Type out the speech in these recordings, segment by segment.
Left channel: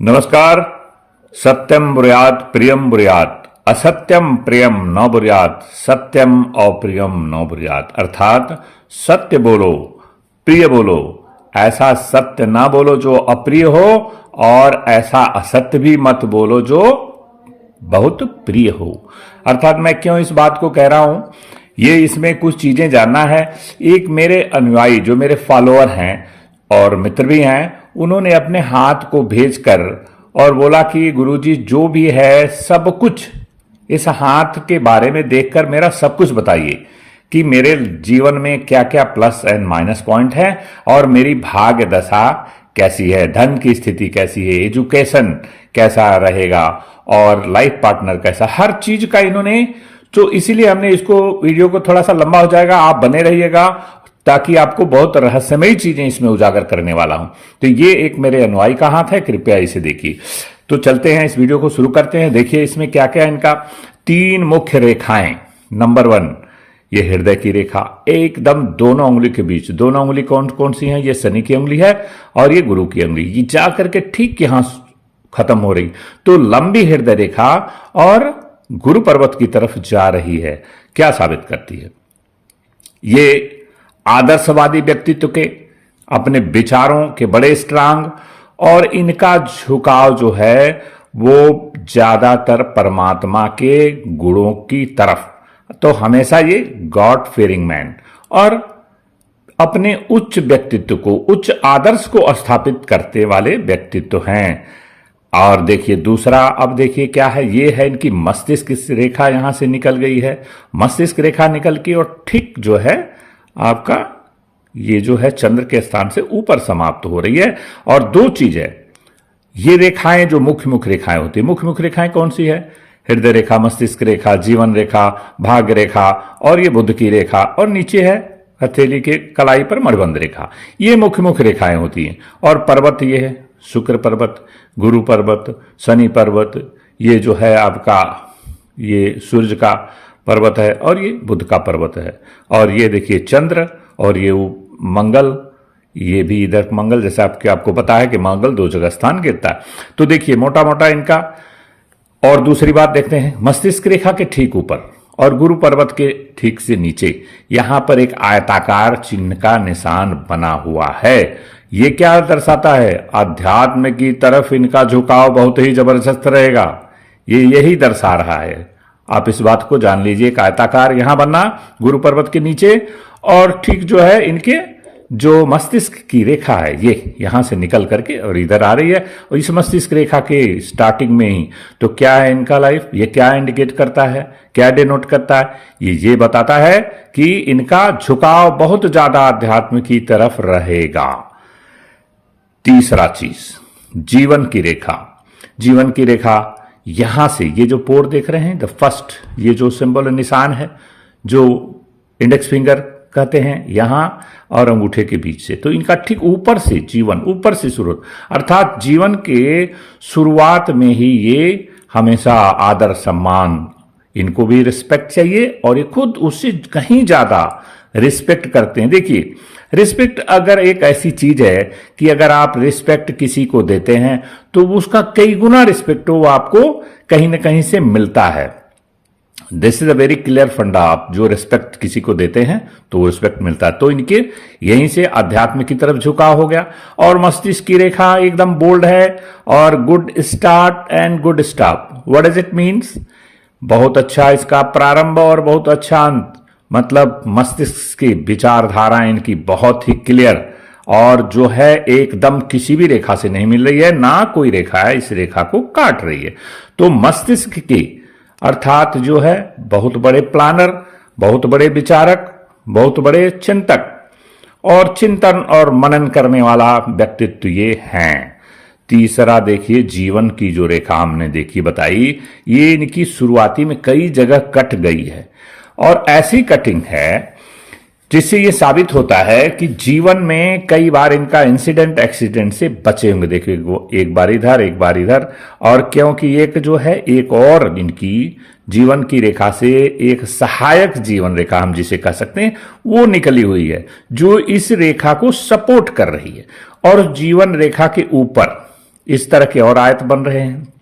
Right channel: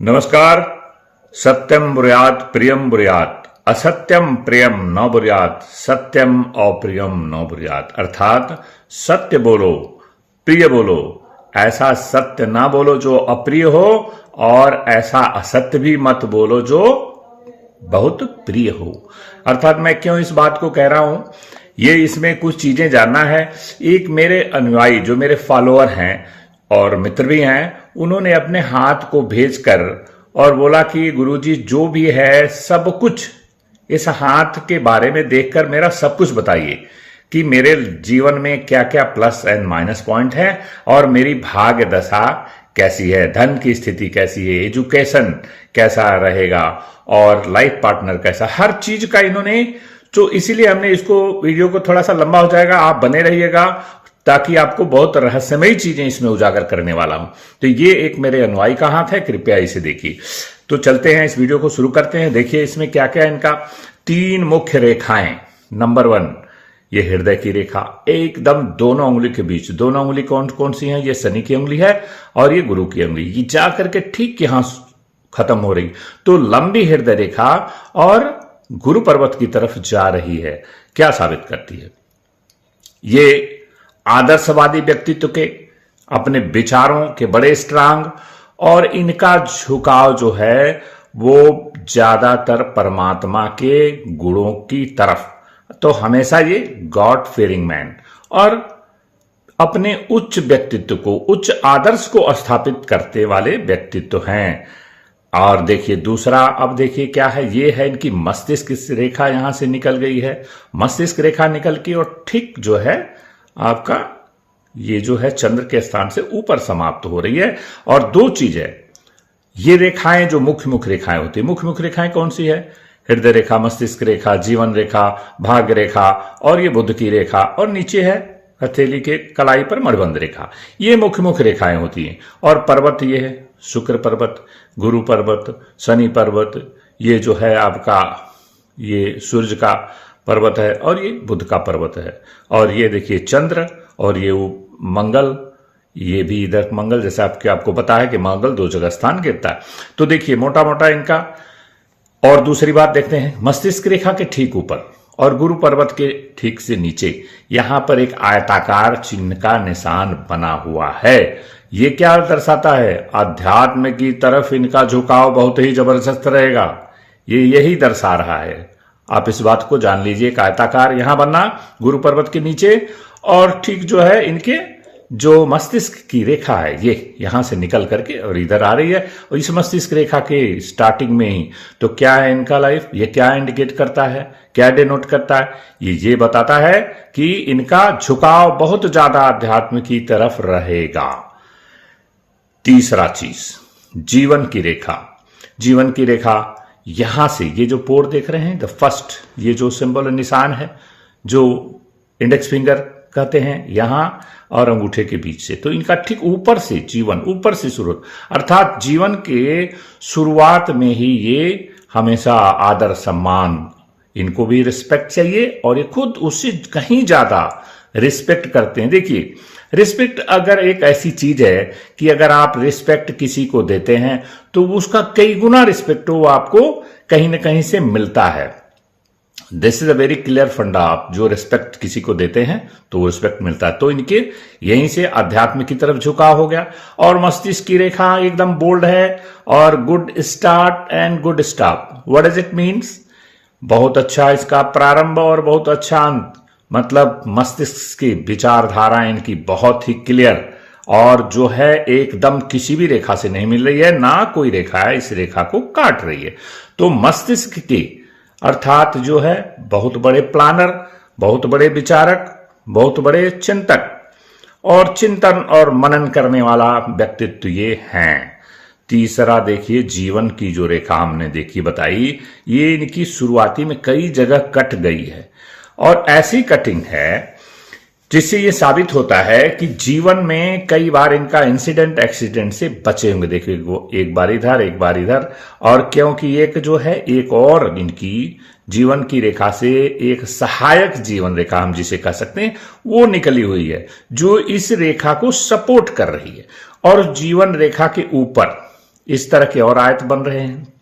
नमस्कार। सत्यम ब्रूयात प्रियम ब्रूयात असत्यम प्रियम न ब्रूयात सत्यम अप्रियम न ब्रूयात। अर्थात सत्य बोलो, प्रिय बोलो, ऐसा सत्य ना बोलो जो अप्रिय हो, और ऐसा असत्य भी मत बोलो जो बहुत प्रिय हो। अर्थात मैं क्यों इस बात को कह रहा हूं, ये इसमें कुछ चीजें जानना है। एक मेरे अनुयायी जो मेरे फॉलोअर हैं और मित्र भी हैं, उन्होंने अपने हाथ को भेजकर और बोला कि गुरुजी जो भी है सब कुछ इस हाथ के बारे में देखकर मेरा सब कुछ बताइए कि मेरे जीवन में क्या क्या प्लस एंड माइनस पॉइंट है और मेरी भाग्य दशा कैसी है, धन की स्थिति कैसी है, एजुकेशन कैसा रहेगा और लाइफ पार्टनर कैसा, हर चीज का इन्होंने। तो इसीलिए हमने इसको वीडियो को थोड़ा सा लंबा हो जाएगा, आप बने रहिएगा ताकि आपको बहुत रहस्यमयी चीजें इसमें उजागर करने वाला हूं। तो ये एक मेरे अनुयायी का हाथ है, कृपया इसे देखिए। तो चलते हैं, इस वीडियो को शुरू करते हैं। देखिए इसमें क्या क्या है इनका। 3 मुख्य रेखाएं। नंबर 1 ये हृदय की रेखा, एकदम दोनों उंगली के बीच। दोनों उंगली कौन कौन सी हैं? ये शनि की उंगली है और ये गुरु की उंगली। ये जा करके ठीक यहां खत्म हो रही, तो लंबी हृदय रेखा और गुरु पर्वत की तरफ जा रही है। क्या साबित करती है? ये आदर्शवादी व्यक्तित्व के, अपने विचारों के बड़े स्ट्रांग, और इनका झुकाव जो है वो ज्यादातर परमात्मा के गुणों की तरफ। तो हमेशा ये गॉड फियरिंग मैन और अपने उच्च व्यक्तित्व को, उच्च आदर्श को स्थापित करते वाले व्यक्तित्व हैं। और देखिए दूसरा, अब देखिए क्या है, ये है इनकी मस्तिष्क रेखा, यहां से निकल गई है मस्तिष्क रेखा निकल के, और ठीक जो है आपका ये जो है चंद्र के स्थान से ऊपर समाप्त हो रही है। और 2 चीज है, ये रेखाएं जो मुख्य मुख्य रेखाएं होती है, मुख्य मुख्य रेखाएं कौन सी है? हृदय रेखा, मस्तिष्क रेखा, जीवन रेखा, भाग्य रेखा, और ये बुध की रेखा, और नीचे है हथेली के कलाई पर मणिबंध रेखा। ये मुख्य मुख्य रेखाएं होती हैं। और पर्वत ये है शुक्र पर्वत, गुरु पर्वत, शनि पर्वत, ये जो है आपका ये सूर्य का पर्वत है, और ये बुध का पर्वत है। और ये देखिए चंद्र, और ये मंगल, ये भी इधर मंगल, जैसा आपको पता है कि मंगल 2 जगह स्थान घेरता है। तो देखिए मोटा मोटा इनका। और दूसरी बात देखते हैं, मस्तिष्क रेखा के ठीक ऊपर और गुरु पर्वत के ठीक से नीचे यहां पर एक आयताकार चिन्ह का निशान बना हुआ है। ये क्या दर्शाता है? अध्यात्म की तरफ इनका झुकाव बहुत ही जबरदस्त रहेगा, ये यही दर्शा रहा है। आप इस बात को जान लीजिए। आयताकार यहां बनना गुरु पर्वत के नीचे, और ठीक जो है इनके जो मस्तिष्क की रेखा है ये यहां से निकल करके और इधर आ रही है। और इस मस्तिष्क रेखा के स्टार्टिंग में ही तो क्या है इनका लाइफ, ये क्या इंडिकेट करता है, क्या डिनोट करता है? ये बताता है कि इनका झुकाव बहुत ज्यादा अध्यात्म की तरफ रहेगा। तीसरा चीज, जीवन की रेखा। जीवन की रेखा यहां से, ये जो पोर देख रहे हैं, द फर्स्ट, ये जो सिंबल निशान है जो इंडेक्स फिंगर कहते हैं, यहां और अंगूठे के बीच से, तो इनका ठीक ऊपर से जीवन, ऊपर से शुरू, अर्थात जीवन के शुरुआत में ही ये हमेशा आदर सम्मान, इनको भी रिस्पेक्ट चाहिए, और ये खुद उससे कहीं ज्यादा रिस्पेक्ट करते हैं। देखिए रिस्पेक्ट अगर एक ऐसी चीज है कि अगर आप रिस्पेक्ट किसी को देते हैं तो उसका कई गुना रिस्पेक्ट वो आपको कहीं ना कहीं से मिलता है। This is a very clear फंडा। आप जो रिस्पेक्ट किसी को देते हैं तो वो रिस्पेक्ट मिलता है। तो इनके यहीं से अध्यात्म की तरफ झुकाव हो गया। और मस्तिष्क की रेखा एकदम बोल्ड है, और good start and good stop. What does it means? बहुत अच्छा इसका प्रारंभ और बहुत अच्छा अंत। मतलब मस्तिष्क की विचारधारा इनकी बहुत ही क्लियर, और जो है एकदम किसी भी रेखा से नहीं मिल रही है, ना कोई रेखा है इस रेखा को काट रही है। तो मस्तिष्क की अर्थात जो है बहुत बड़े प्लानर, बहुत बड़े विचारक, बहुत बड़े चिंतक और चिंतन और मनन करने वाला व्यक्तित्व ये हैं। तीसरा देखिए, जीवन की जो रेखा हमने देखी बताई, ये इनकी शुरुआती में कई जगह कट गई है, और ऐसी कटिंग है जिससे ये साबित होता है कि जीवन में कई बार इनका इंसिडेंट एक्सीडेंट से बचे होंगे। देखिए वो एक बार इधर एक बार इधर, और क्योंकि एक जो है एक और इनकी जीवन की रेखा से एक सहायक जीवन रेखा हम जिसे कह सकते हैं वो निकली हुई है, जो इस रेखा को सपोर्ट कर रही है। और जीवन रेखा के ऊपर इस तरह के और आयत बन रहे हैं।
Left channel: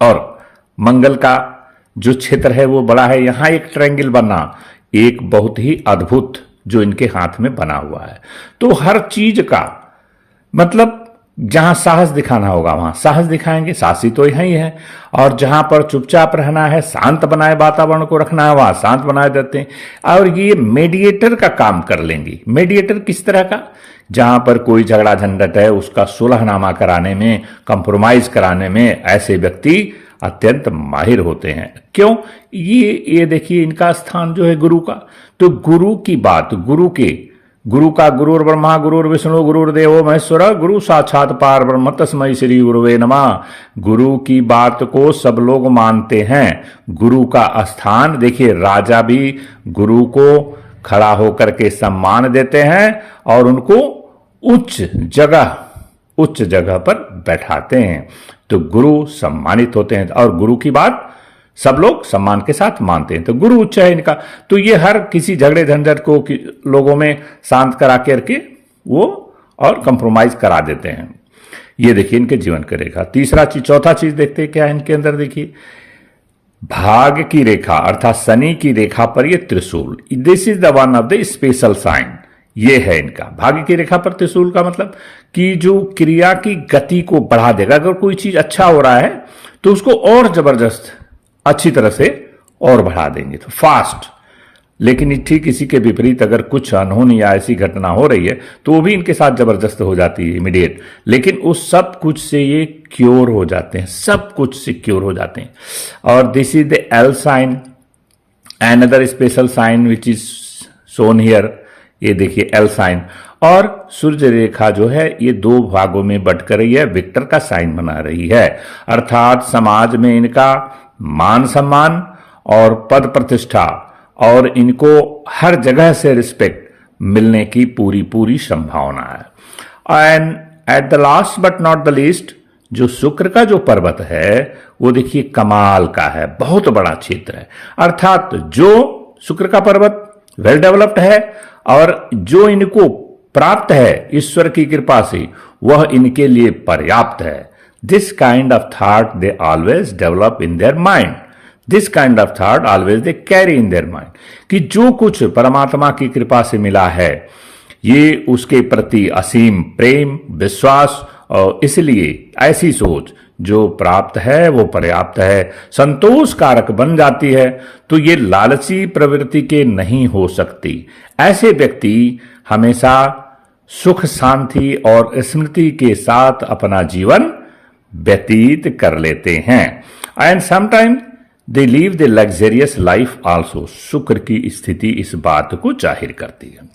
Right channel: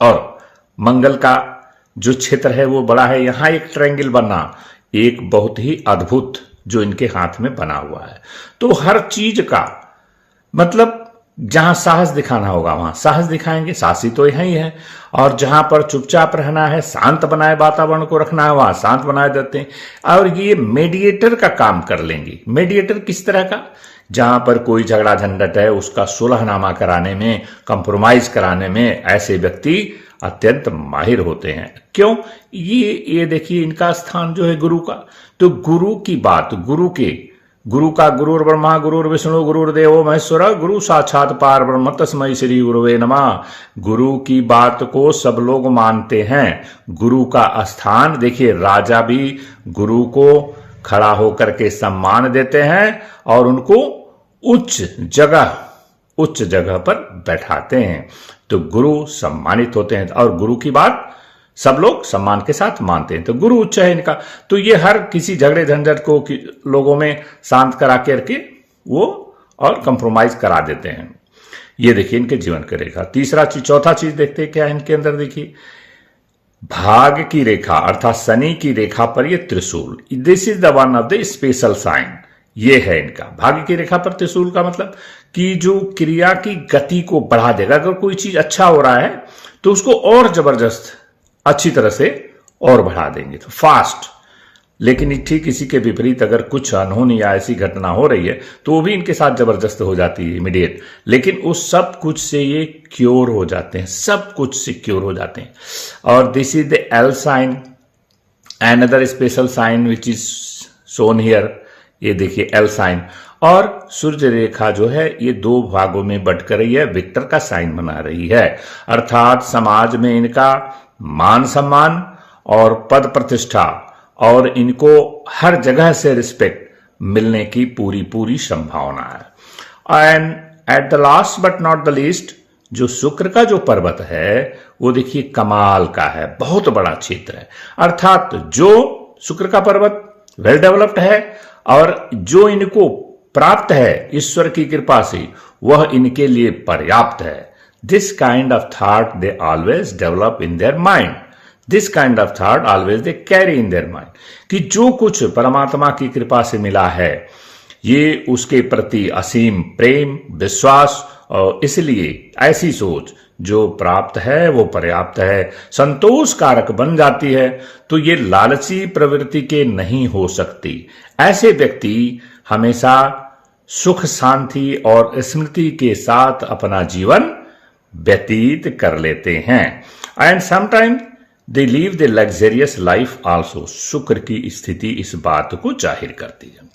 और मंगल का जो क्षेत्र है वो बड़ा है, यहां एक ट्रायंगल बना, एक बहुत ही अद्भुत जो इनके हाथ में बना हुआ है। तो हर चीज का मतलब जहां साहस दिखाना होगा वहां साहस दिखाएंगे, साहसी तो यही है। और जहां पर चुपचाप रहना है, शांत बनाए वातावरण को रखना है, वहां शांत बनाए देते हैं। और ये मेडिएटर का काम कर लेंगे। मेडिएटर किस तरह का? जहां पर कोई झगड़ा झंझट है उसका सुलहनामा कराने में, कंप्रोमाइज कराने में ऐसे व्यक्ति अत्यंत माहिर होते हैं। क्यों? ये देखिए इनका स्थान जो है गुरु का, तो गुरु की बात, गुरु का गुरुर ब्रह्मा गुरुर विष्णु गुरुर्देवो महेश्वर गुरु साक्षात पार ब्रह्म तस्मै श्री गुरुवे नमः। गुरु की बात को सब लोग मानते हैं। गुरु का स्थान देखिए, राजा भी गुरु को खड़ा होकर के सम्मान देते हैं और उनको उच्च जगह पर बैठाते हैं। तो गुरु सम्मानित होते हैं और गुरु की बात सब लोग सम्मान के साथ मानते हैं। तो गुरु उच्च है इनका। तो ये हर किसी झगड़े झंझट को लोगों में शांत करा करके वो और कंप्रोमाइज करा देते हैं। ये देखिए इनके जीवन की रेखा। चौथा चीज देखते हैं क्या है इनके अंदर। देखिए भाग की रेखा अर्थात शनि की रेखा पर ये त्रिशूल, this is the one of the special sign. ये है इनका भाग्य की रेखा पर त्रिशूल का मतलब कि जो क्रिया की गति को बढ़ा देगा। अगर कोई चीज अच्छा हो रहा है तो उसको और जबरदस्त अच्छी तरह से और बढ़ा देंगे, तो फास्ट। लेकिन ठीक इसी के विपरीत अगर कुछ अनहोनी या ऐसी घटना हो रही है तो वो भी इनके साथ जबरदस्त हो जाती है इमीडिएट। लेकिन उस सब कुछ से ये क्योर हो जाते हैं, सब कुछ से क्योर हो जाते हैं। और this is the L sign, another special sign which is shown here. ये देखिए एल साइन। और सूर्य रेखा जो है ये दो भागों में बंटकर रही है, विक्टर का साइन बना रही है। अर्थात समाज में इनका मान सम्मान और पद प्रतिष्ठा और इनको हर जगह से रिस्पेक्ट मिलने की पूरी संभावना है। And at the last but not the least, जो शुक्र का जो पर्वत है वो देखिए कमाल का है, बहुत बड़ा क्षेत्र है। अर्थात जो शुक्र का पर्वत वेल डेवलप्ड है और जो इनको प्राप्त है ईश्वर की कृपा से वह इनके लिए पर्याप्त है। This kind of thought they always develop in their mind. This kind of thought always they carry in their mind. कि जो कुछ परमात्मा की कृपा से मिला है ये उसके प्रति असीम प्रेम विश्वास, और इसलिए ऐसी सोच जो प्राप्त है वो पर्याप्त है, संतोष कारक बन जाती है। तो ये लालची प्रवृत्ति के नहीं हो सकती। ऐसे व्यक्ति हमेशा सुख शांति और स्मृति के साथ अपना जीवन व्यतीत कर लेते हैं। And sometime they leave the luxurious life also. शुक्र की स्थिति इस बात को जाहिर करती है।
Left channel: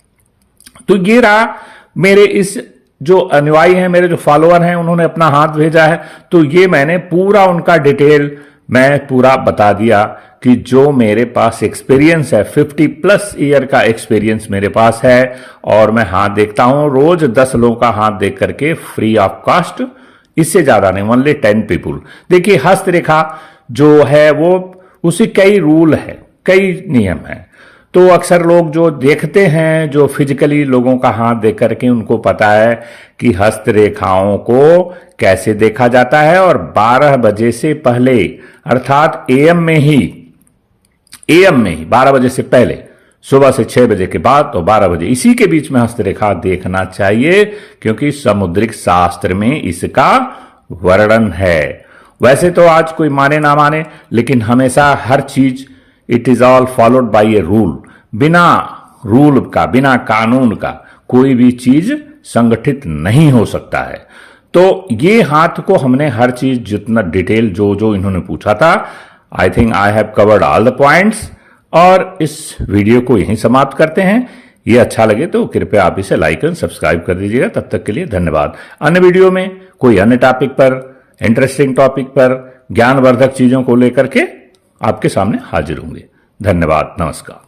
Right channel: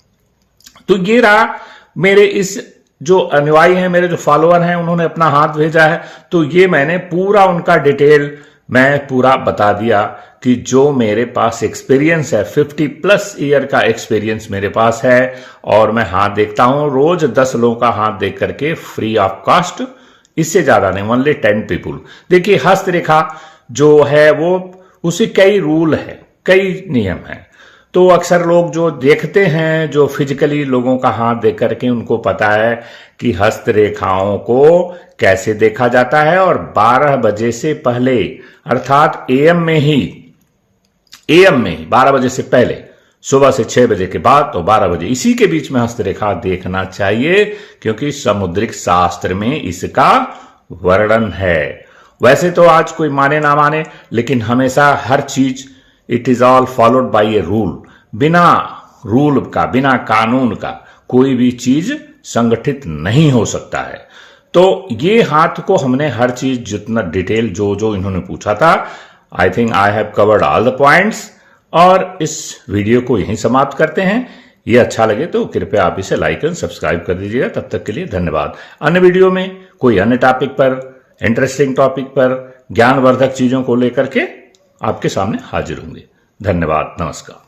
तो ये रहा मेरे इस जो अनुयायी हैं, मेरे जो फॉलोअर हैं, उन्होंने अपना हाथ भेजा है। तो ये मैंने पूरा उनका डिटेल मैं पूरा बता दिया कि जो मेरे पास एक्सपीरियंस है, 50+ ईयर का एक्सपीरियंस मेरे पास है। और मैं हाथ देखता हूं रोज 10 लोगों का हाथ देख करके फ्री ऑफ कॉस्ट, इससे ज्यादा नहीं, ओनली 10 पीपुल। देखिए हस्तरेखा जो है वो उसी कई रूल है, कई नियम है। तो अक्सर लोग जो देखते हैं, जो फिजिकली लोगों का हाथ देख करके उनको पता है कि हस्तरेखाओं को कैसे देखा जाता है। और 12 बजे से पहले अर्थात एएम में ही 12 बजे से पहले, सुबह से 6 बजे के बाद तो 12 बजे, इसी के बीच में हस्तरेखा देखना चाहिए, क्योंकि समुद्रिक शास्त्र में इसका वर्णन है। वैसे तो आज कोई माने ना माने, लेकिन हमेशा हर चीज it is all followed by a rule. बिना रूल का, बिना कानून का कोई भी चीज संगठित नहीं हो सकता है। तो ये हाथ को हमने हर चीज जितना डिटेल जो इन्होंने पूछा था, I think I have covered all the points. और इस वीडियो को यहीं समाप्त करते हैं। ये अच्छा लगे तो कृपया आप इसे लाइक एंड सब्सक्राइब कर दीजिएगा। तब तक के लिए धन्यवाद। अन्य वीडियो में कोई अन्य टॉपिक पर, इंटरेस्टिंग टॉपिक पर, ज्ञानवर्धक चीजों को लेकर के आपके सामने हाजिर होंगे। धन्यवाद, नमस्कार।